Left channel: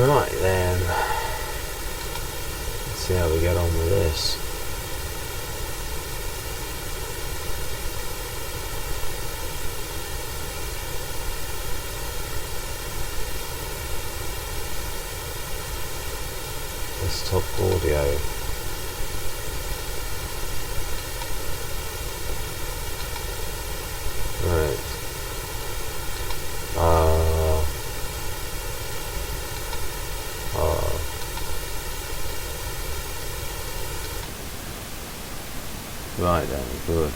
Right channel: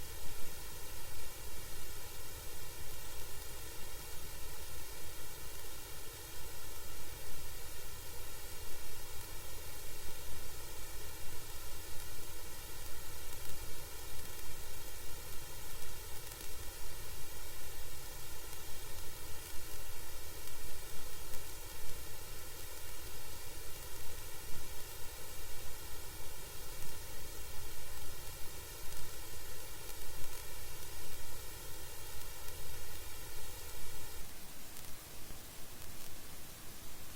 Right then, let's see how we get on with this. Desktop audio. Right. Right then, good.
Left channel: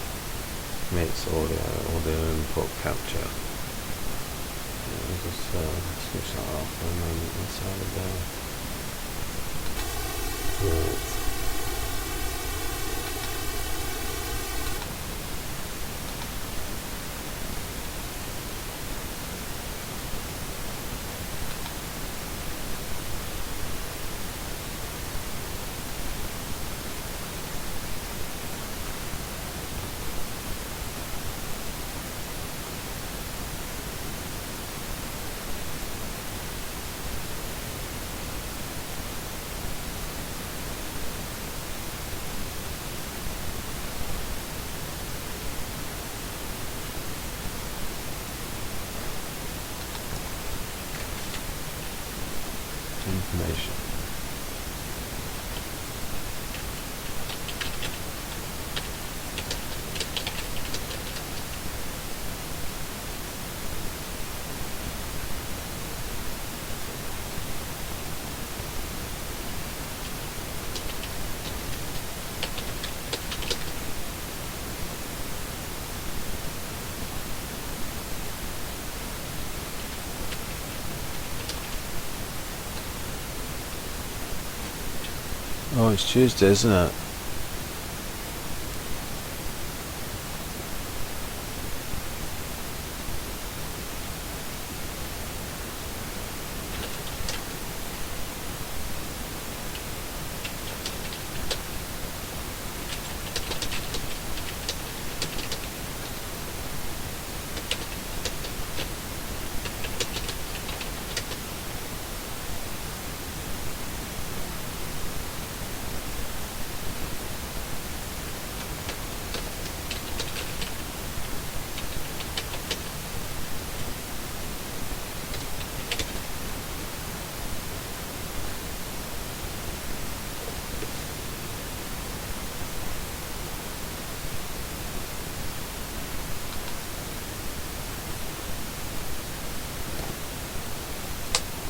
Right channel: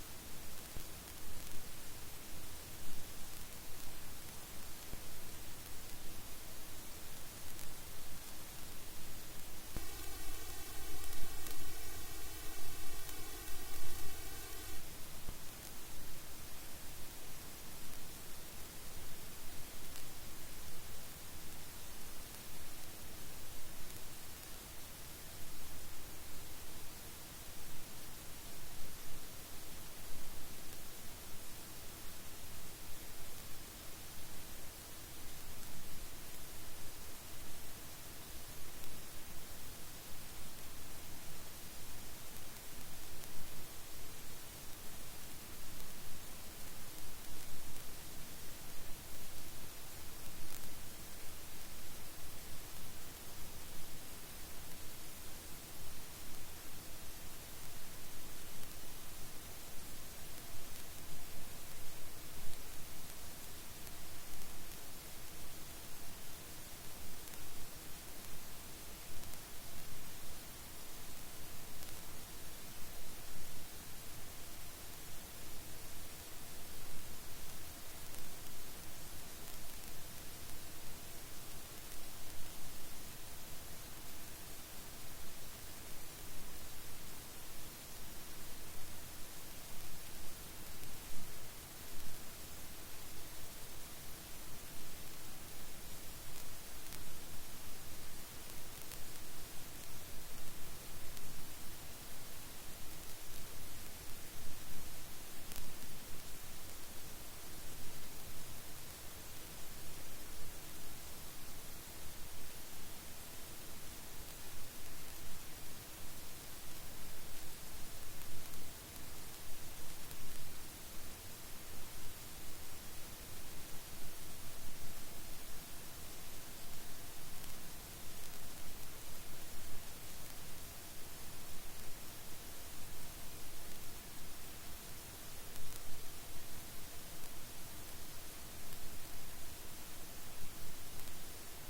Mix audio input capture. Just switch that off for a moment. Let's have a go. Right. Information. Oh, it's Tuesday, isn't it?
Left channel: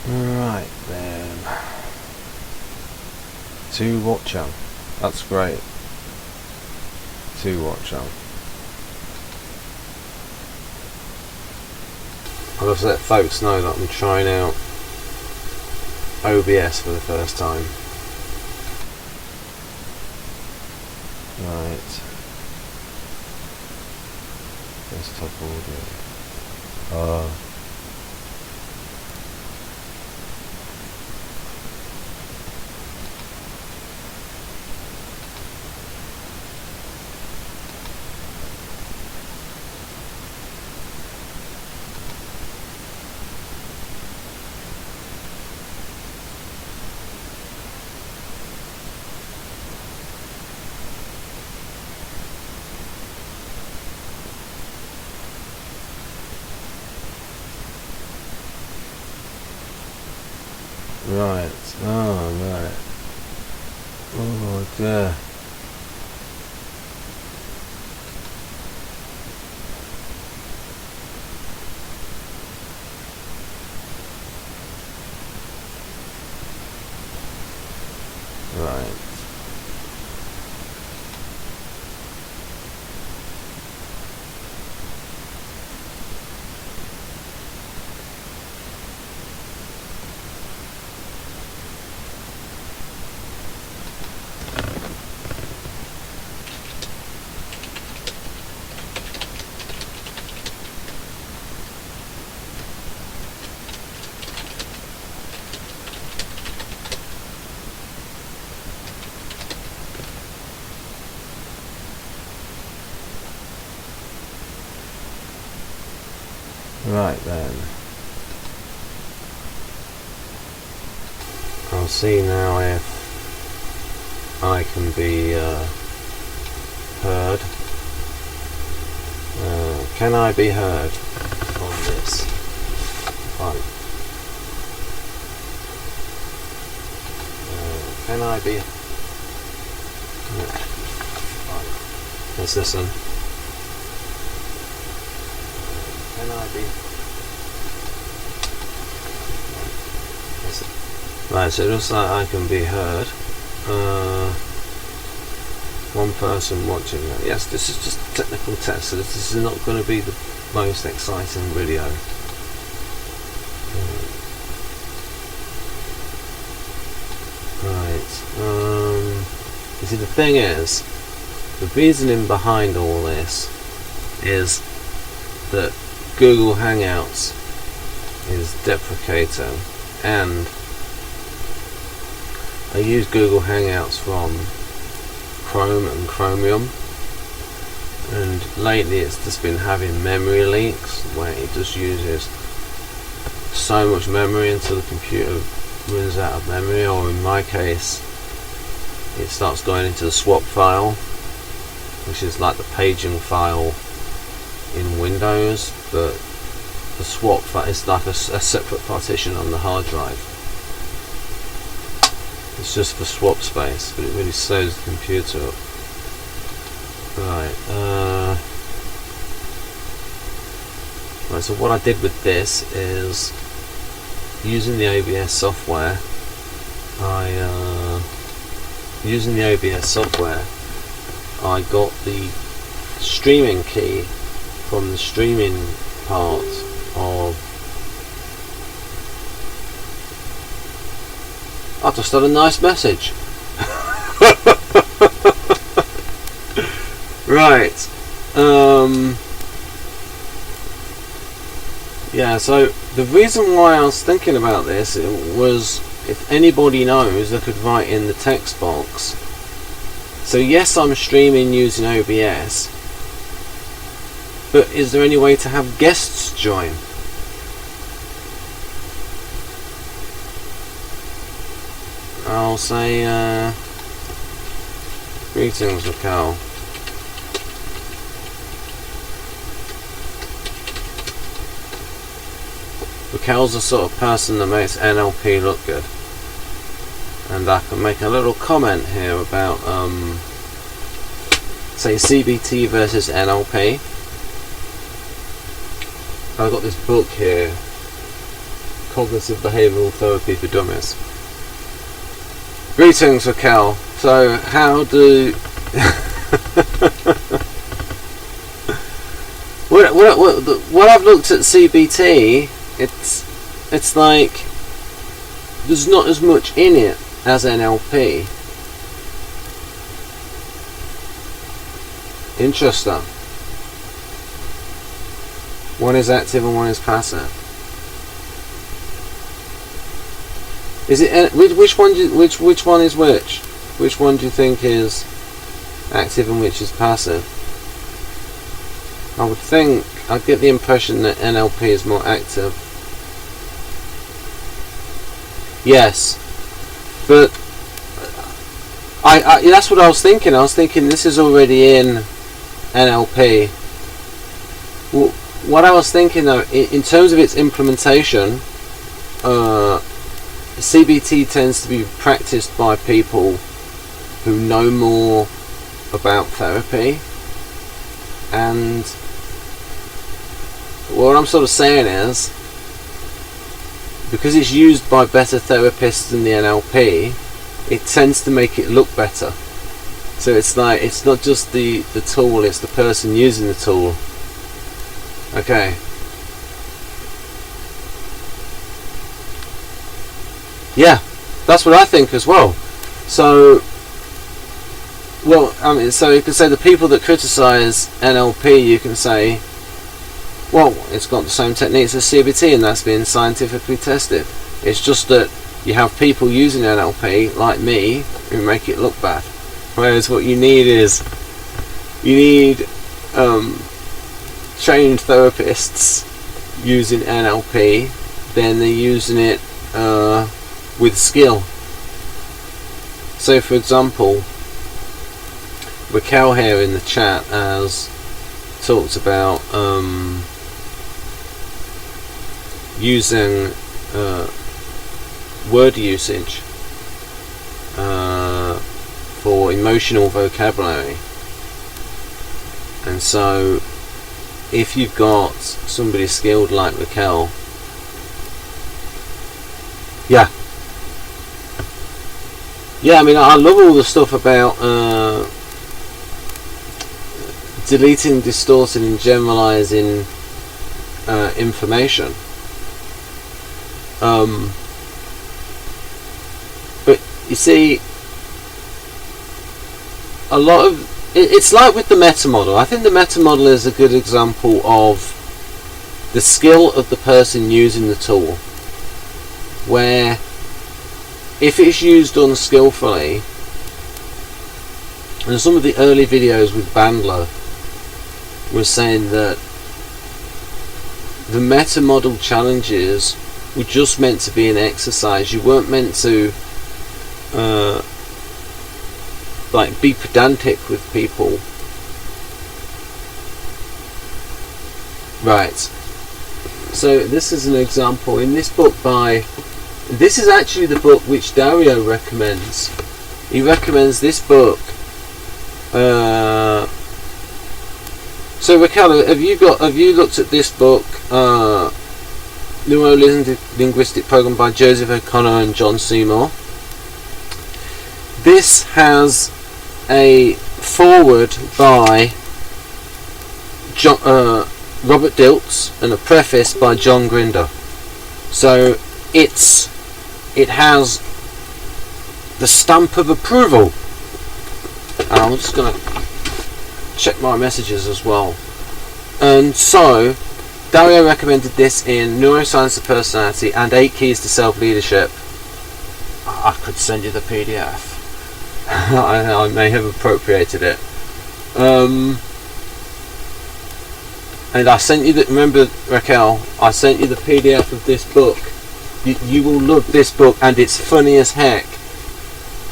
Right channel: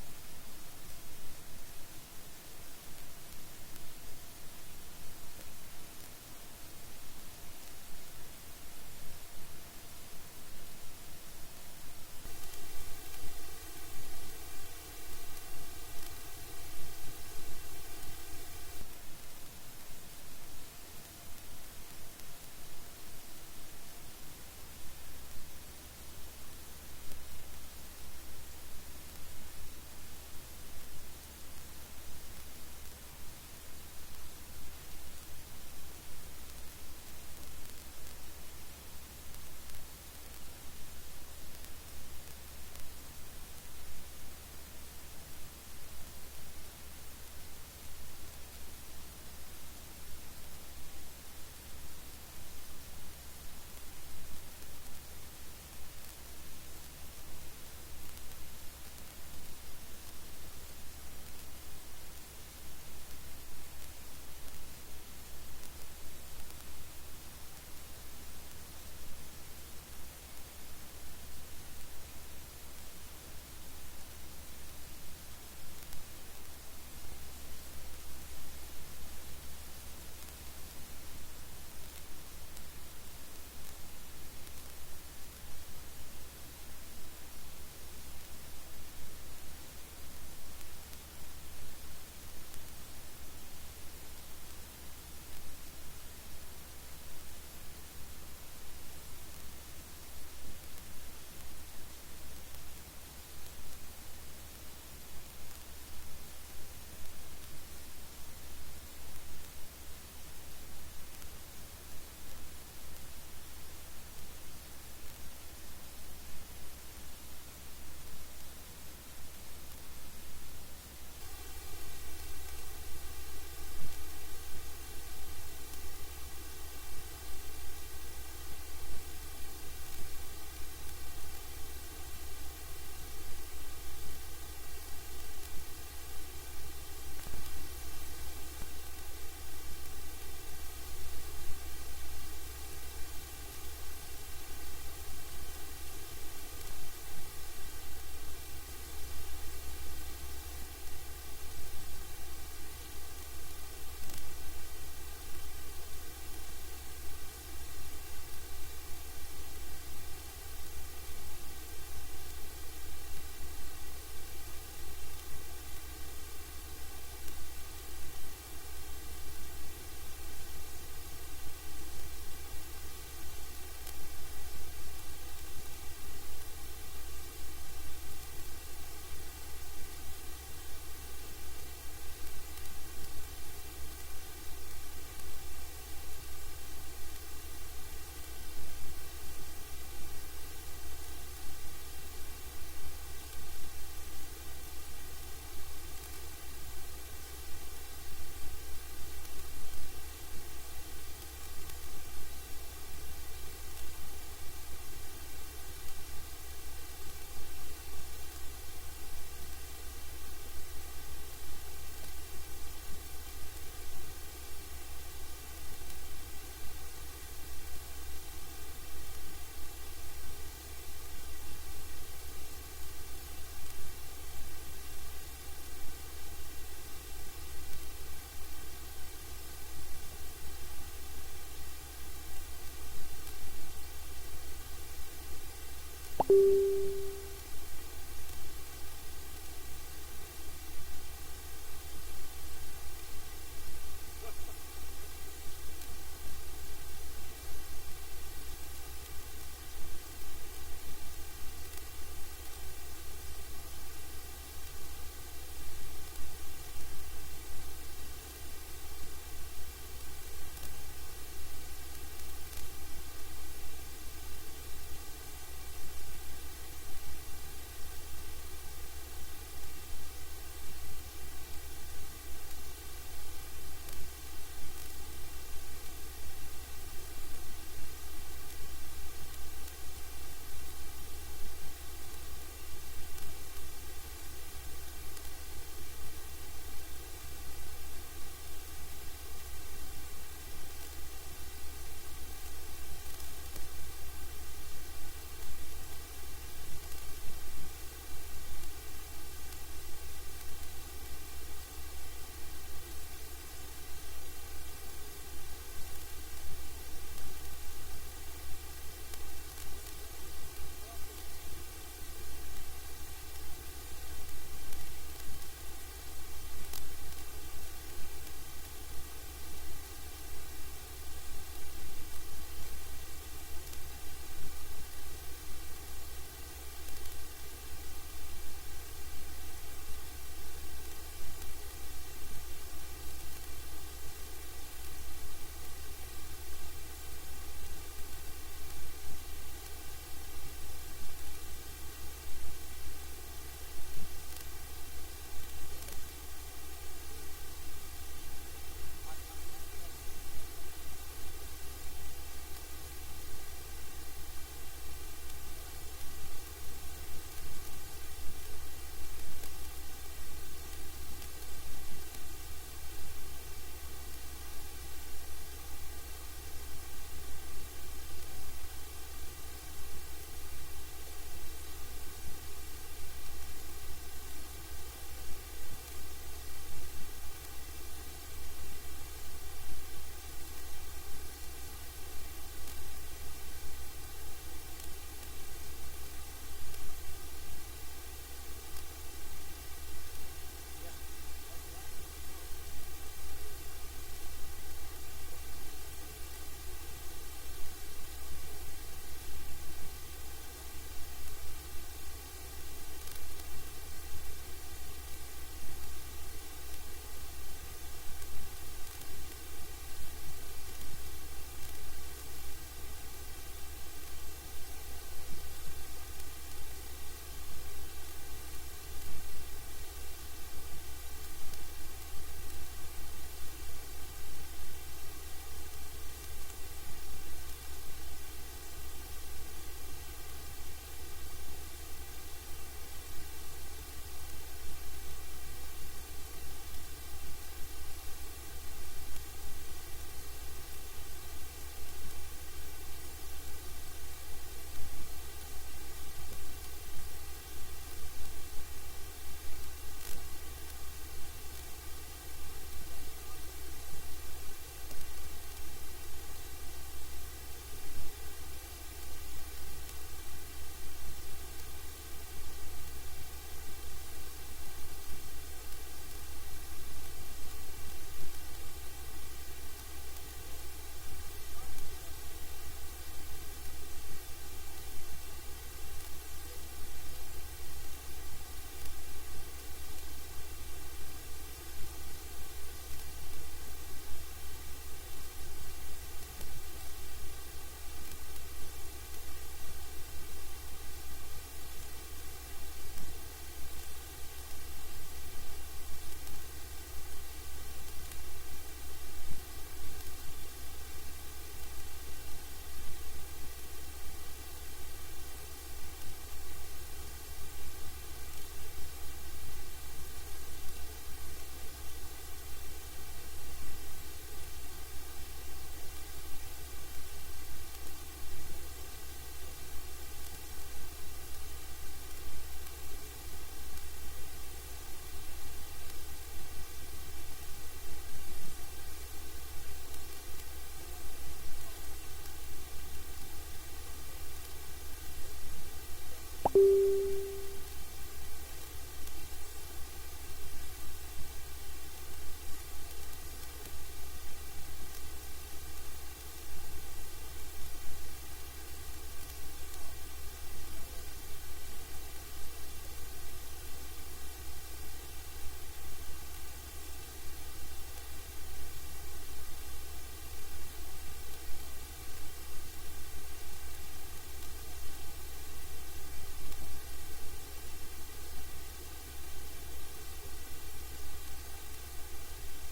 Right then. 2 watch on. That's great. 2 watch on. I'll just let folks know that I'm trying out OBS for the first time. Right. Desktop audio. Right. Oh, right. Oh, dear. Right. Right then. I'll see now if I can be heard. Can I be heard on this phone? Can I be? Right. Let's listen. Can I be? Right, so it looks like I can be heard. One person watching that. Yes, this is just a technical test, so this is not going to be the most exciting video. Right. You see, the thing is, the reasoning behind all this is that Google Hangouts is deprecating, and I use Google Hangouts from Chrome and Chromium, and lately it's just been having memory leaks where it just uses so much memory until the computer runs out of memory, or in my case it starts going into the swap file, which is like the paging file in Windows, but the swap file is like a separate partition on the hard drive. It's just for swap space, but it really slows the computer up. Right, right, so what I did with this is, using the OBS software, I got the streaming key from the streaming part of. I just got a nice message. Right. Yeah, so the reason why I was thinking about this was, if anybody knows, they could write in the text box. So yes, I'm streaming using OBS, but is there any way to have guests join? I'll say, greetings, Raquel. Raquel's the sort of person that makes NLP look good. And I can make a little comment here about, say, CBT versus NLP. I've got this book here, Cognitive Behavioural Therapy for Dummies. Greetings, Raquel. So, how do when I've looked at CBT, it's like there's not as much in it as NLP. Interesting. One is active and one is passive. Is it which one is which? Which one do you think is active and which is passive? I would think, I'd get the impression that NLP is more active. Yes, but I that's what I was thinking. I was thinking this is already in NLP. What I was thinking though, in terms of its implementation, CBT tends to be practiced by people who know more about therapy, and what I'm sort of saying is, because it's used by better therapists than the NLP, it tends to make it look better. So it's like, it's not just the tool, it's the person using the tool. Okay. Yeah, that's what I think as well. So, well, I mean, so you can say the people that criticize NLP, you can say, well, it's got the same techniques as CBT and that's been scientifically tested. It's just that you have people using NLP, like me, who make it look bad. Whereas what you need is, you need trained therapists using NLP, then they're using it with skill. So for example, Raquel here in the chat has talked about using word usage for emotional vocabulary. And so if you've got somebody skilled like Raquel, yeah, I mean, I love all the stuff about deleting, distorting and generalizing information. But you see, a lot of it's like with the meta model. I think the meta model is a good example of the skill of the person using the tool, where if it's used unskillfully, and some of the early videos with Bandler was saying that the meta model challenges were just meant to be an exercise. You weren't meant to like be pedantic with people. Right. So this is an example in this book by, this is actually the book which Dario recommends. He recommends this book. So Raquel, have you looked at this book, Neuro Linguistic Program by Joseph O'Connor and John Seymour? This has a foreword by Robert Dilts and a preface by John Grinder. So it has the stamp of approval. And I'm just going to check my messages as well. And so Dario recommended this in Neuroscience of Personality and 8 Keys to Self-Leadership. I could send you the PDF. I may have appropriated it. And I sent you remember, Raquel, I sent you the PDF of this book. You will love this book, and it's funny as heck.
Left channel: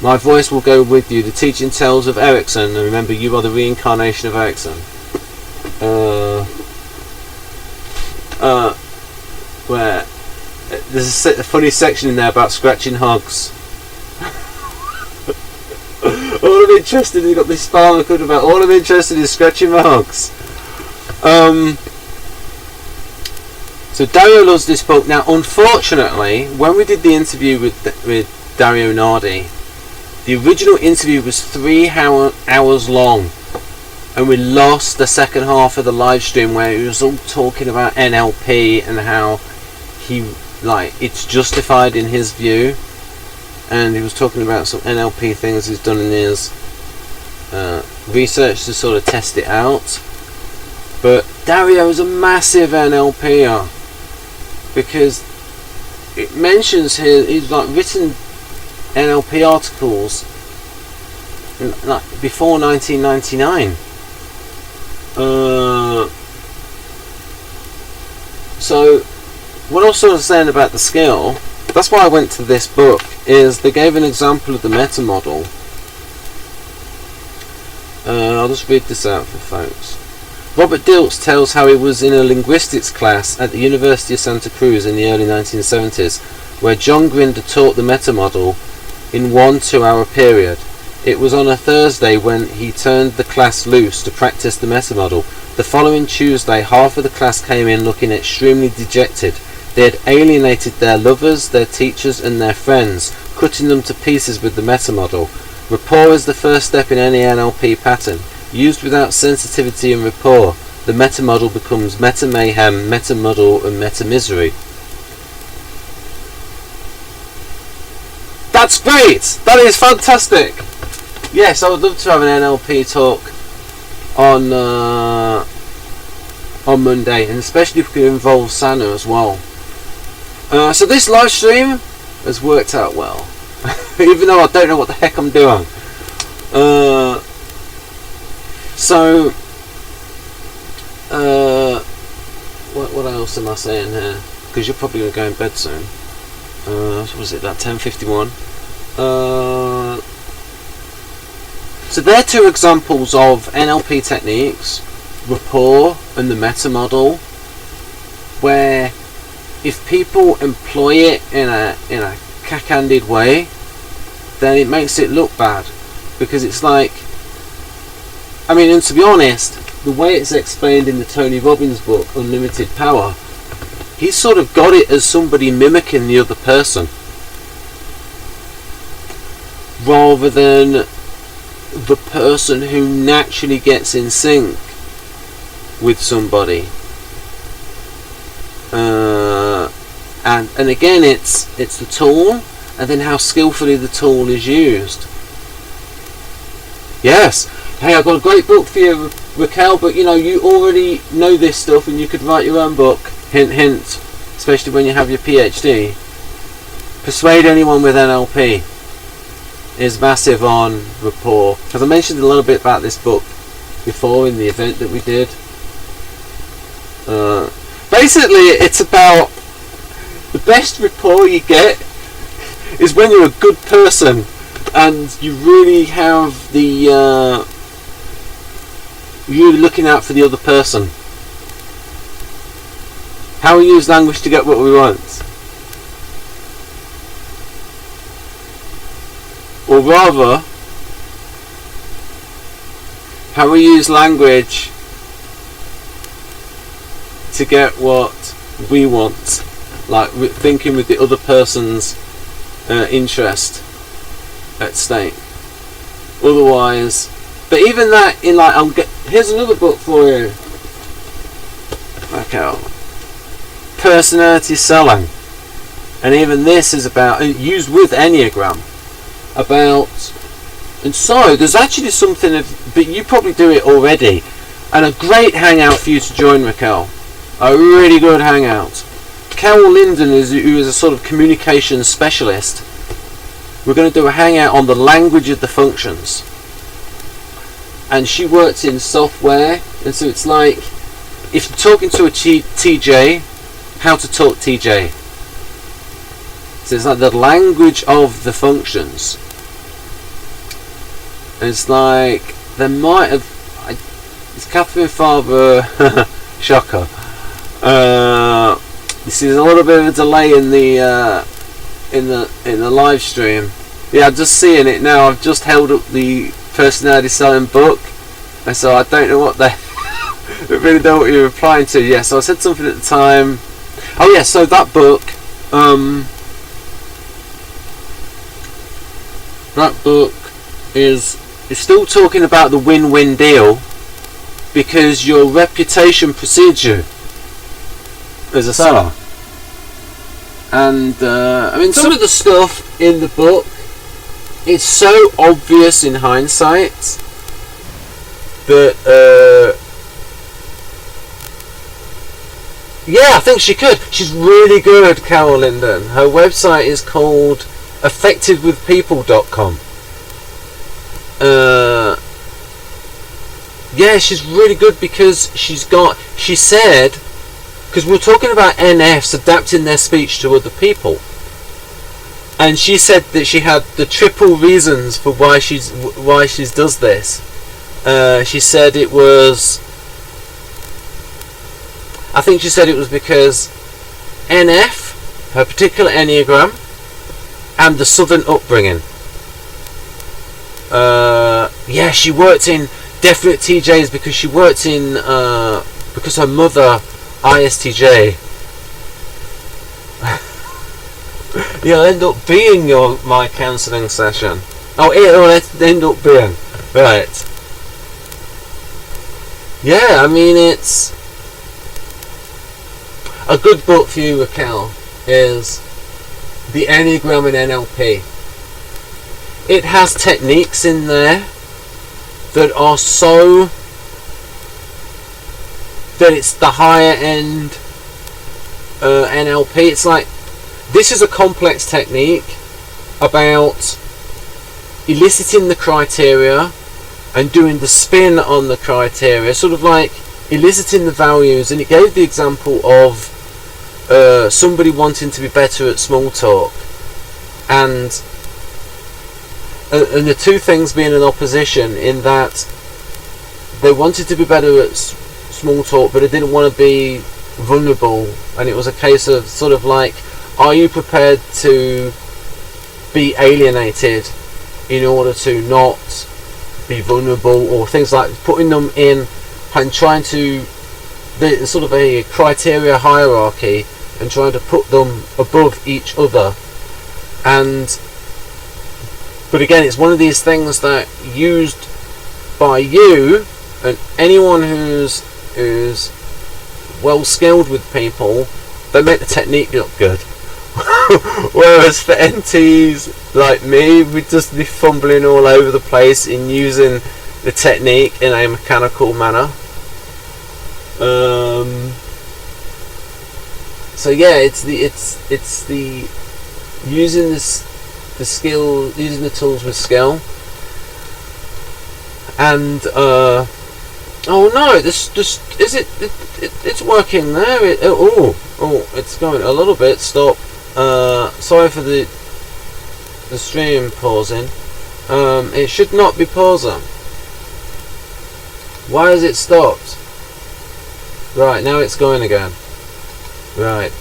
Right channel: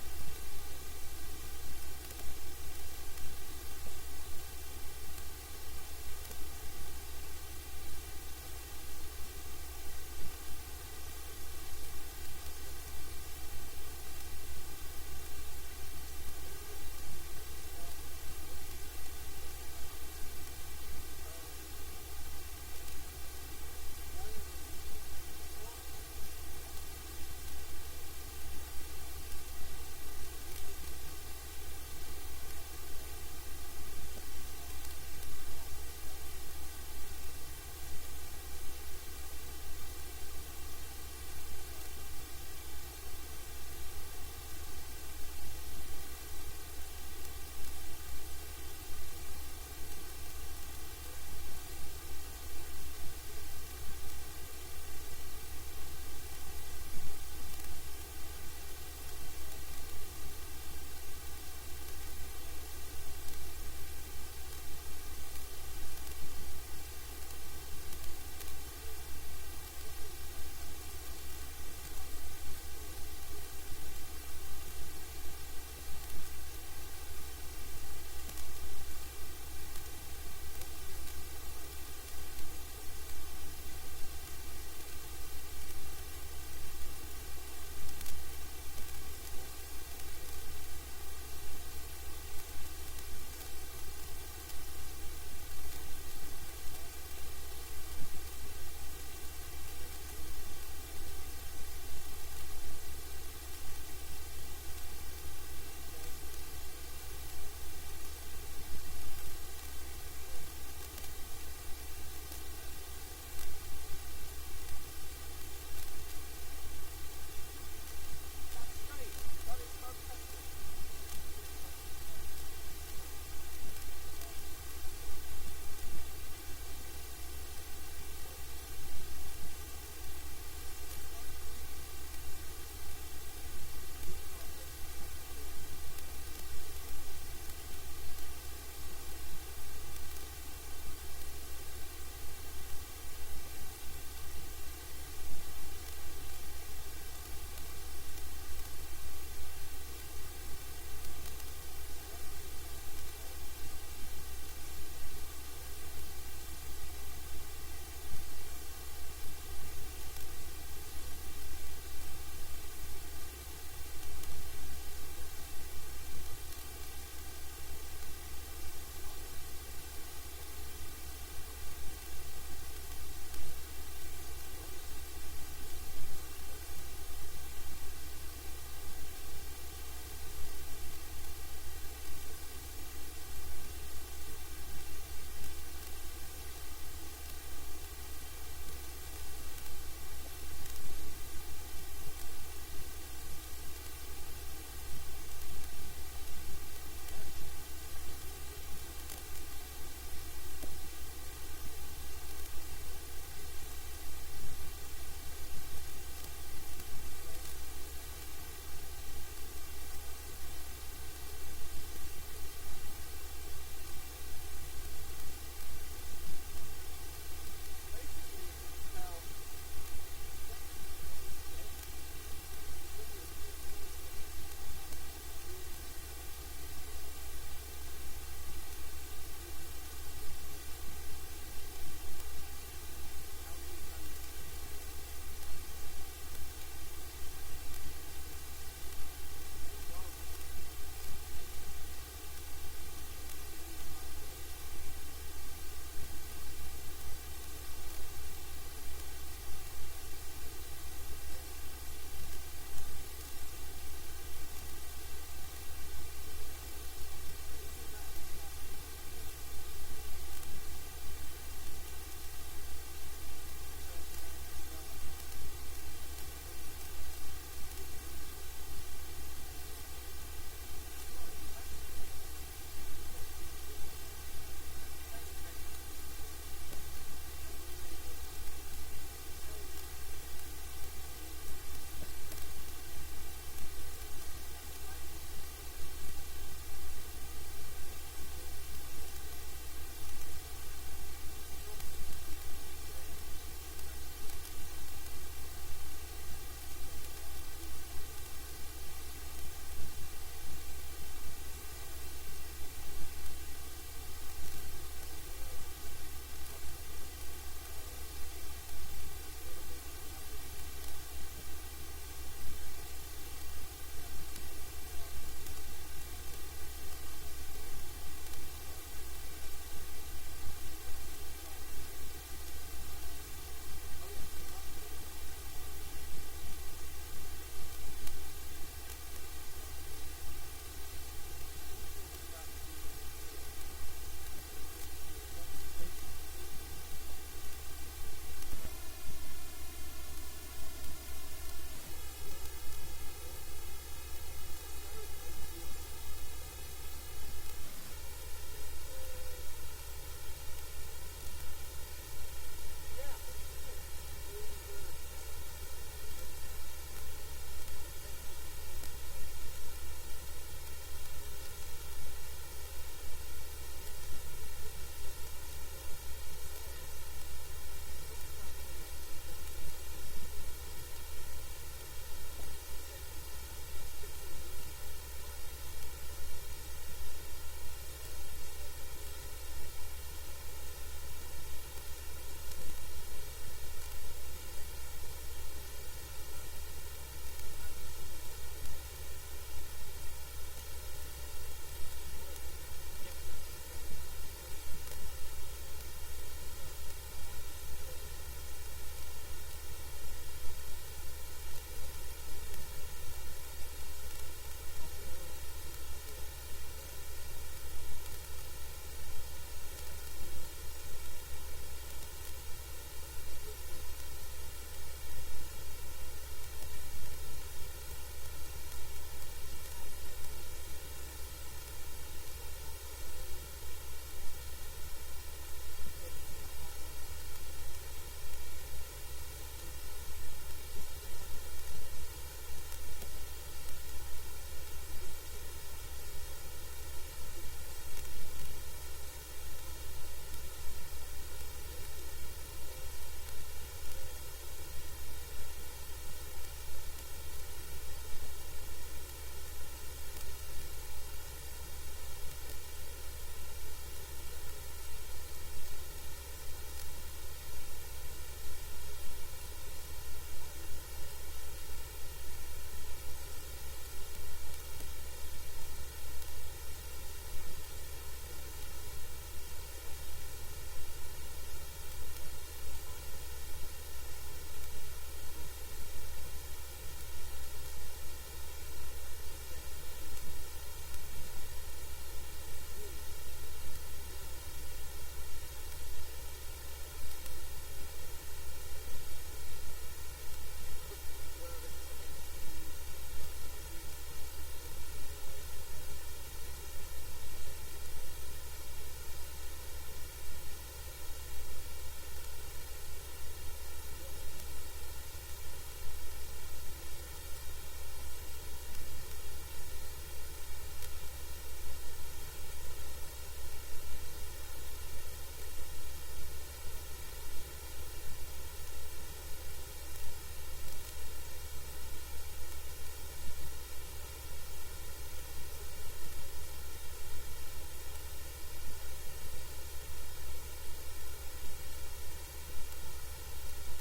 My voice will go with you. The teaching tales of Erickson, and remember, you are the reincarnation of Erickson. Where there's a funny section in there about scratching hugs. All I'm interested in, you've got this farmer code about all I'm interested in is scratching my hugs. So Dario loves this book. Now, unfortunately, when we did the interview with Dario Nardi, the original interview was 3 hours long, and we lost the second half of the live stream where he was all talking about NLP and how it's justified in his view, and he was talking about some NLP things he's done in his research to sort of test it out. But Dario is a massive NLPer, because it mentions he's written NLP articles before 1999. So what I was sort of saying about the skill, that's why I went to this book, is they gave an example of the meta model. I'll just read this out for folks. Robert Dilts tells how he was in a linguistics class at the University of Santa Cruz in the early 1970s, where John Grinder taught the meta model in 1 2-hour period. It was on a Thursday when he turned the class loose to practice the meta model. The following Tuesday, half of the class came in looking extremely dejected. They had alienated their lovers, their teachers and their friends, cutting them to pieces with the meta model. Rapport is the first step in any NLP pattern. Used without sensitivity and rapport, the meta model becomes meta mayhem, meta muddle and meta misery. That's great! That is fantastic! Yes, I would love to have an NLP talk on Monday, and especially if we could involve Sana as well. So this live stream has worked out well, even though I don't know what the heck I'm doing. What else am I saying here? Because you're probably going to go in bed soon. What was it, that 10:51? So they're two examples of NLP techniques, rapport and the meta model, where if people employ it in a cack-handed way, then it makes it look bad, because it's like, I mean, and to be honest, the way it's explained in the Tony Robbins book, Unlimited Power, he's sort of got it as somebody mimicking the other person, rather than the person who naturally gets in sync with somebody. And again, it's the tool, and then how skillfully the tool is used. Yes. Hey, I've got a great book for you, Raquel, but you know, you already know this stuff and you could write your own book. Hint, hint. Especially when you have your PhD. Persuade Anyone with NLP is massive on rapport. Because I mentioned a little bit about this book before in the event that we did. Basically, it's about the best rapport you get is when you're a good person and you really have the you're looking out for the other person. How we use language to get what we want, or rather, how we use language to get what we want, like thinking with the other person's interest at stake. Otherwise, but even that, in like, here's another book for you, Raquel, Personality Selling, and even this is about, used with Enneagram, about, and so there's actually something of, but you probably do it already, and a great hangout for you to join, Raquel. A really good hangout. Carol Linden, who is a sort of communications specialist. We're going to do a hangout on the language of the functions. And she works in software, and so it's like, if you're talking to a TJ, how to talk TJ. So it's like the language of the functions. And it's like, there might have, it's Catherine Farber, shocker. You see, there's a little bit of a delay in the live stream. Yeah, I'm just seeing it now. I've just held up the Personality Selling book, and so I don't know what they. I really don't know what you're replying to. Yeah, so I said something at the time. Oh yeah, so that book. That book is still talking about the win-win deal, because your reputation precedes you as a seller. And I mean, some of the stuff in the book is so obvious in hindsight that yeah, I think she could. She's really good, Carol Linden. Her website is called effectivewithpeople.com. Yeah, she's really good, because she said, because we're talking about NFs adapting their speech to other people, and she said that she had the triple reasons for why she does this. She said it was, I think she said it was because NF, her particular Enneagram, and the southern upbringing. Yeah, she worked in definite TJs because she worked in because her mother ISTJ. You'll end up being my counselling session. Oh, it'll end up being right. Yeah, I mean, it's a good book for you, Raquel, is The Enneagram and NLP. It has techniques in there that are so that it's the higher end NLP. It's like, this is a complex technique about eliciting the criteria and doing the spin on the criteria, sort of like eliciting the values. And it gave the example of somebody wanting to be better at small talk, and and the two things being in opposition, in that they wanted to be better at small talk, but they didn't want to be vulnerable, and it was a case of sort of like, are you prepared to be alienated in order to not be vulnerable, or things like putting them in and trying to, the sort of a criteria hierarchy, and trying to put them above each other. But again, it's one of these things that, used by you and anyone who's well skilled with people, they make the technique look good. Whereas for NTs like me, we'd just be fumbling all over the place in using the technique in a mechanical manner. So yeah, it's the using the skill, using the tools with skill. And oh no, this just it's working there. It's going a little bit. Stop. Sorry for the stream pausing. It should not be pausing. Why has it stopped? Right, now it's going again. Right.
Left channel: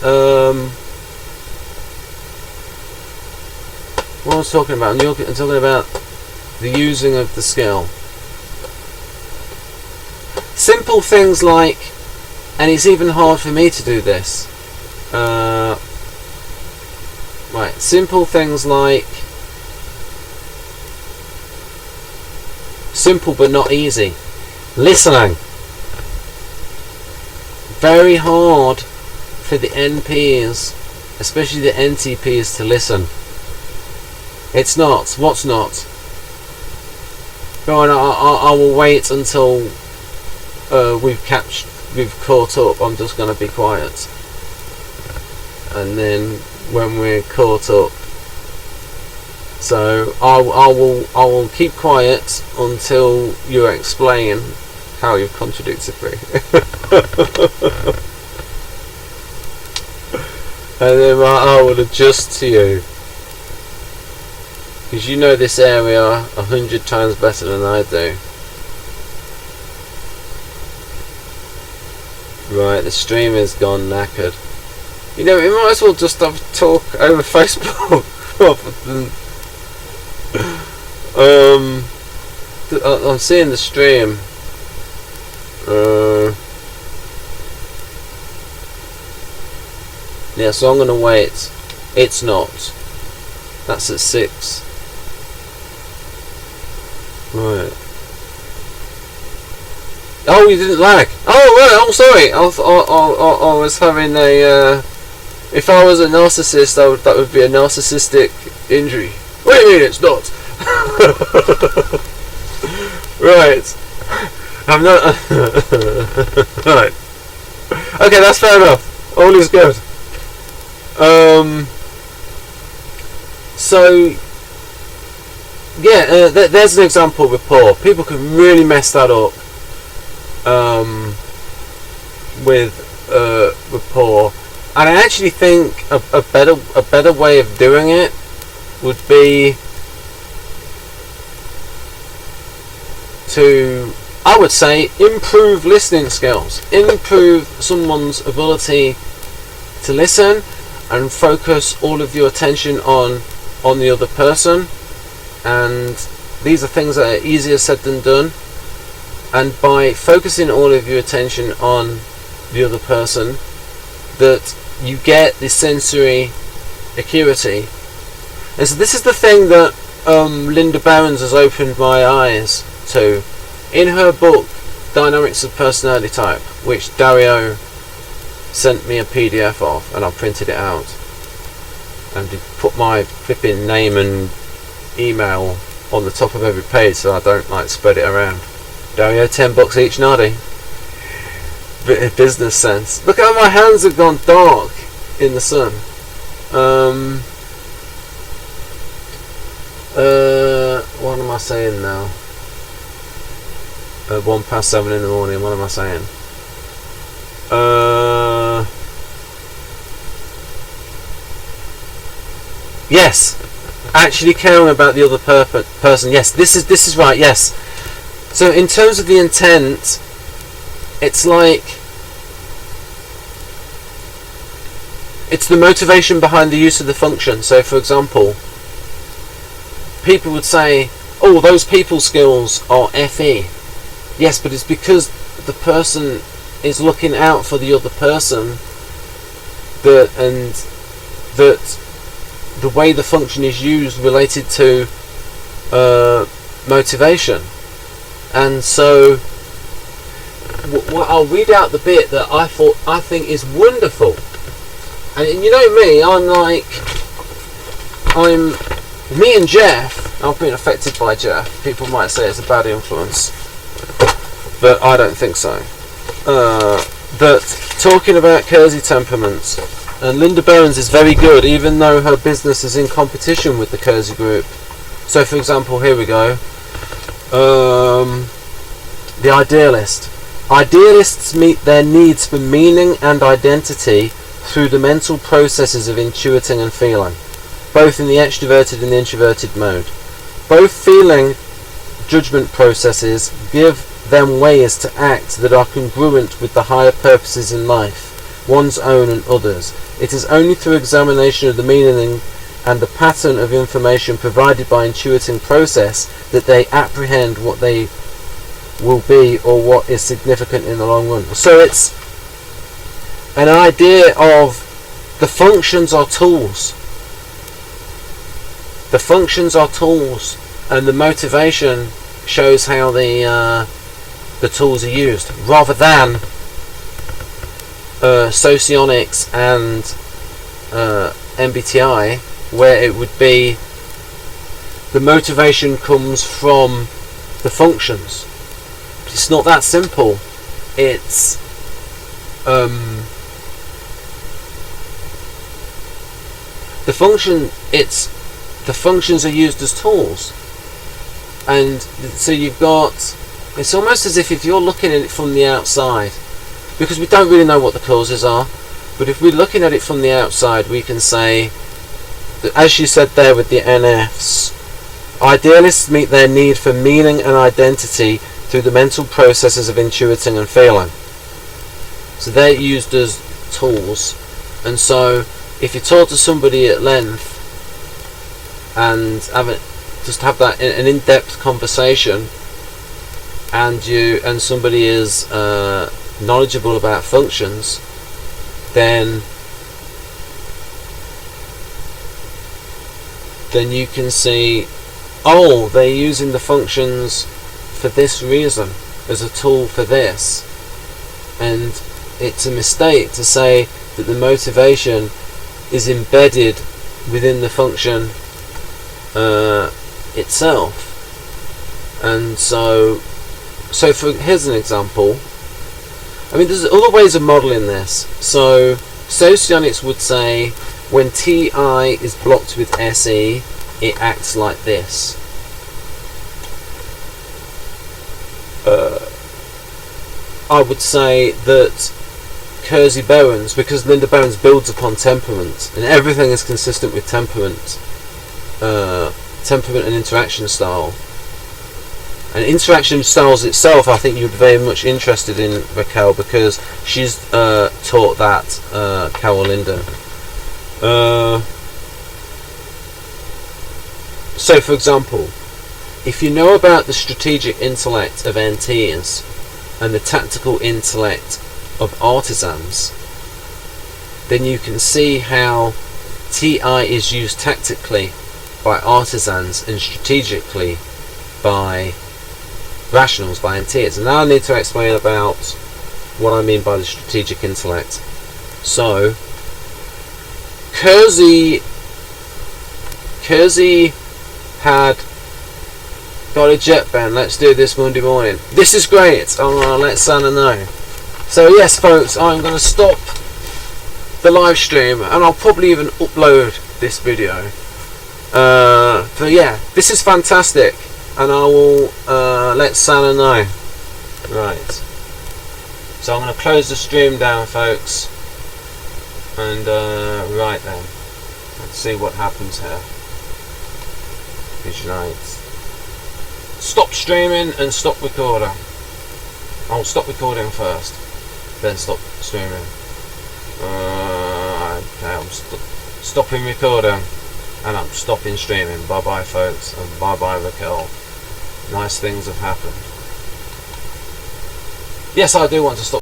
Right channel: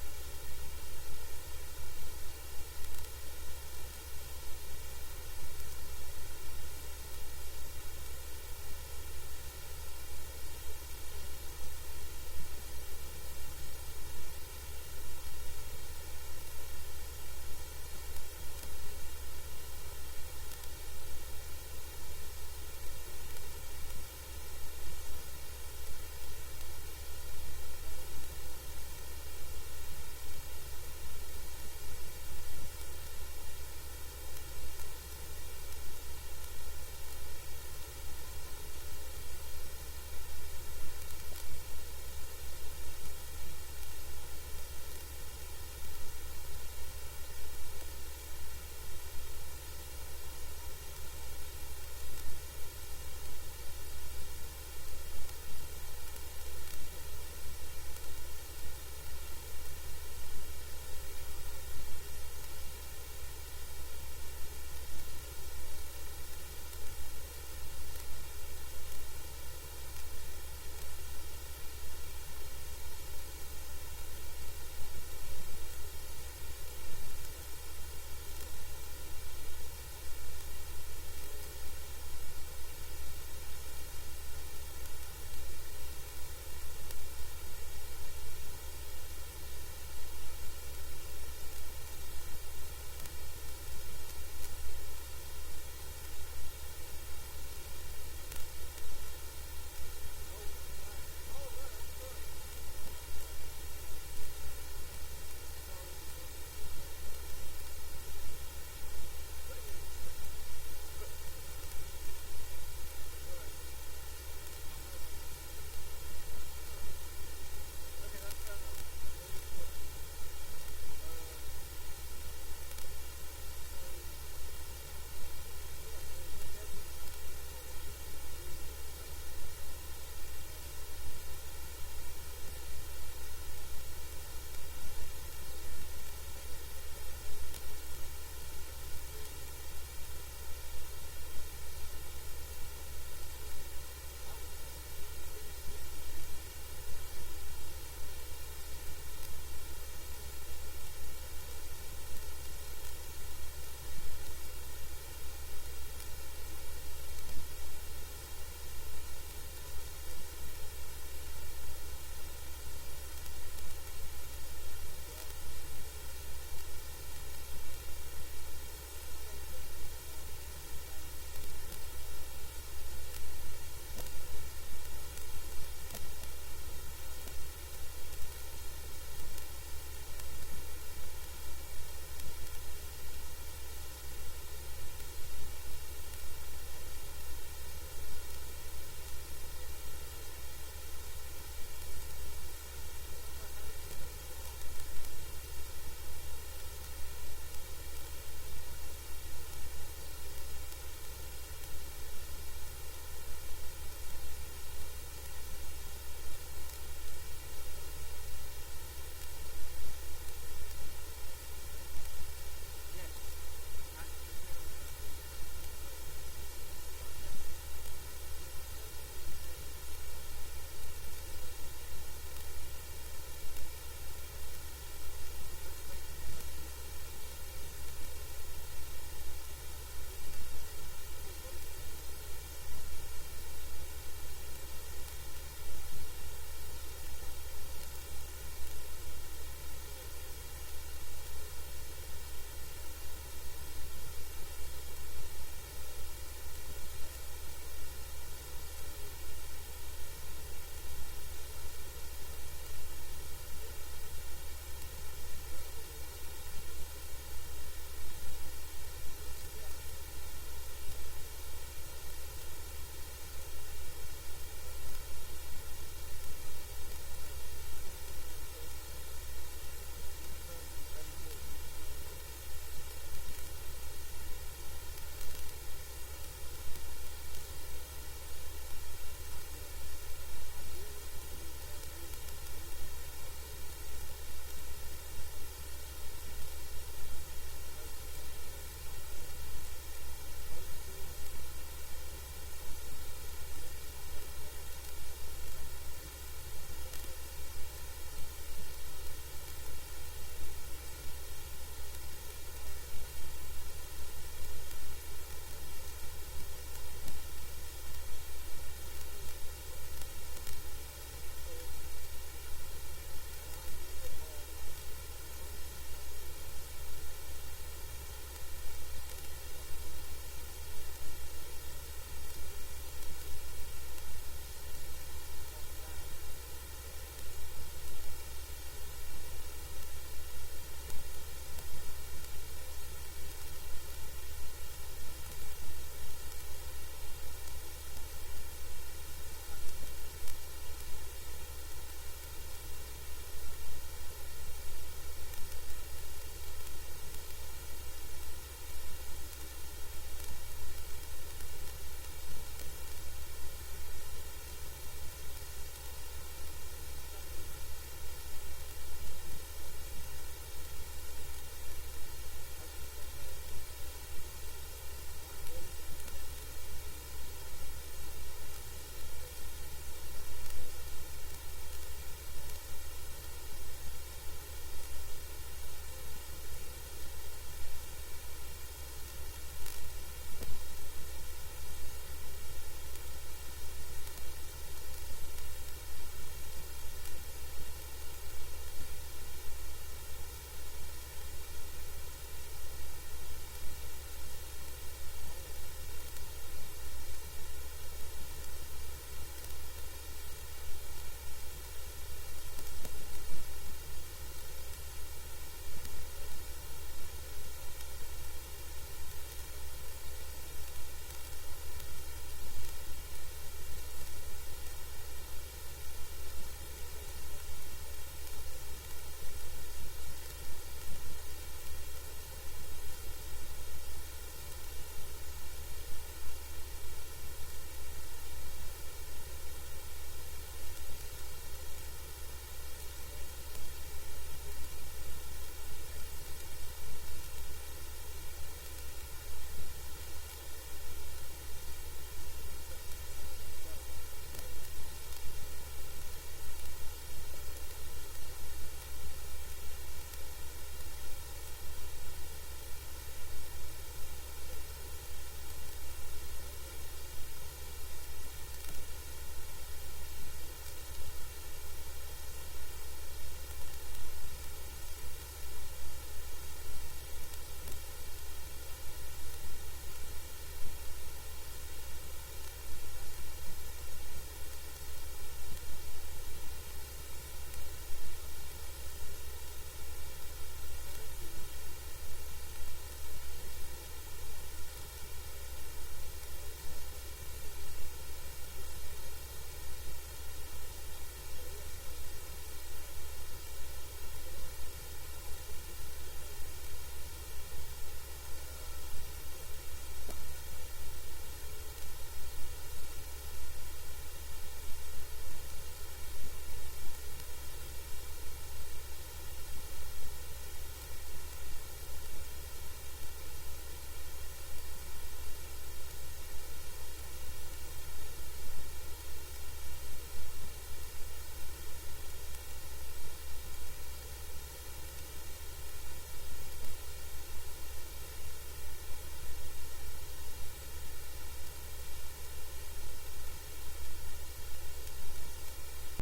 What I was talking about? I'm talking about the using of the skill. Simple things like, and it's even hard for me to do this. Right, simple things like, simple but not easy. Listening. Very hard for the NPs, especially the NTPs, to listen. It's not. What's not? Go on, I will wait until we've caught up. I'm just going to be quiet, and then when we're caught up, so I will keep quiet until you explain how you've contradicted me. And then I will adjust to you, because you know this area 100 times better than I do. Right, the stream is gone knackered. You know, we might as well just have a talk over Facebook rather than I'm seeing the stream. Yeah, so I'm going to wait. It's not. That's at 6. Right. Oh, you didn't lag. Oh, right. I'm sorry. I was having a. If I was a narcissist, that would be a narcissistic injury. What do you mean it's not? Right. I'm not. Right. Okay, that's fair enough. All is good. So yeah, there's an example of rapport. People can really mess that up with rapport, and I actually think a better way of doing it would be to, I would say, improve listening skills, improve someone's ability to listen, and focus all of your attention on the other person. And these are things that are easier said than done, and by focusing all of your attention on the other person, that you get the sensory acuity. And so this is the thing that Linda Barons has opened my eyes to in her book Dynamics of Personality Type, which Dario sent me a PDF of, and I printed it out and put my flipping name and email on the top of every page so I don't like spread it around. Dario, $10 each, Nardi. Business sense. Look how my hands have gone dark in the sun. What am I saying now? 7:01 in the morning. What am I saying? Yes. actually caring about the other person. Yes, this is right. Yes. So in terms of the intent, it's like it's the motivation behind the use of the function. So for example, people would say, oh, those people skills are FE. Yes, but it's because the person is looking out for the other person, that the way the function is used related to motivation. And so I'll read out the bit that I think is wonderful. And you know me, me and Jeff, I've been affected by Jeff. People might say it's a bad influence, but I don't think so. That talking about Kersey temperaments, and Linda Bowen's is very good, even though her business is in competition with the Kersey group. So for example, here we go. The idealist. Idealists meet their needs for meaning and identity through the mental processes of intuiting and feeling, both in the extroverted and the introverted mode. Both feeling judgment processes give them ways to act that are congruent with the higher purposes in life, one's own and others. It is only through examination of the meaning and the pattern of information provided by intuiting process that they apprehend what they will be or what is significant in the long run. So it's an idea of the functions are tools. The functions are tools, and the motivation shows how the tools are used, rather than socionics and MBTI, where it would be the motivation comes from the functions. It's not that simple. It's the functions are used as tools, and so you've got, it's almost as if you're looking at it from the outside, because we don't really know what the causes are, but if we're looking at it from the outside, we can say that, as you said there with the NFs, idealists meet their need for meaning and identity through the mental processes of intuiting and feeling. So they're used as tools. And so if you talk to somebody at length and have that an in-depth conversation, and somebody is knowledgeable about functions, then you can see, oh, they're using the functions for this reason, as a tool for this. And it's a mistake to say that the motivation is embedded within the function itself. And so here's an example. I mean, there's other ways of modelling this. So socionics would say when TI is blocked with SE, it acts like this. I would say that Kersey Bowen's, because Linda Bowen's builds upon temperament, and everything is consistent with temperament and interaction style. And interaction styles itself, I think you'd be very much interested in, Raquel, because she's taught that, Carol Linden. So, for example, if you know about the strategic intellect of NTs and the tactical intellect of artisans, then you can see how TI is used tactically by artisans and strategically by rationals, by NTs. And now I need to explain about what I mean by the strategic intellect. So Kersey had got a jet band, let's do this Monday morning. This is great, I'm going to let Santa know. So yes folks, I'm going to stop the live stream, and I'll probably even upload this video. But yeah, this is fantastic, and I will let Santa know. Right, so I'm going to close the stream down folks, and right then, let's see what happens here. Visualize. Stop streaming and stop recording. I'll stop recording first, then stop streaming. Okay, I'm stopping recording and I'm stopping streaming. Bye bye folks, and bye bye Raquel. Nice things have happened. Yes, I do want to stop